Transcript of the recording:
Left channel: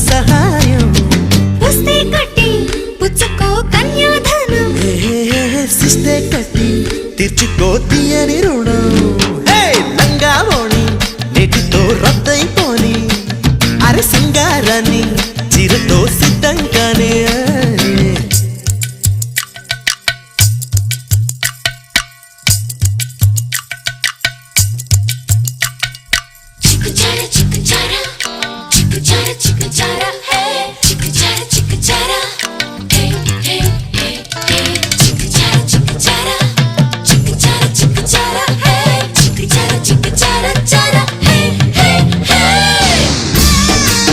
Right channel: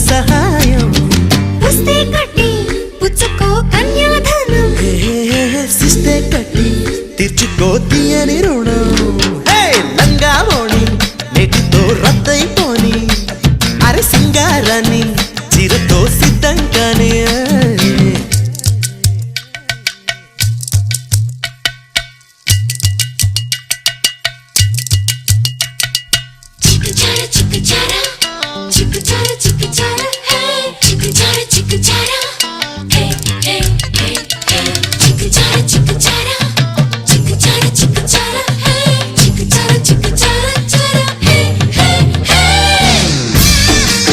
సహాయం పుస్తే కట్టి పుచ్చుకో కన్యాధనం సిస్తే కట్టి తీర్చుకో తీయని రుణం హే లంగావోణి నేటితో రద్దయిపోని అరే సింగారాన్ని చిరతో సిద్ధంగానే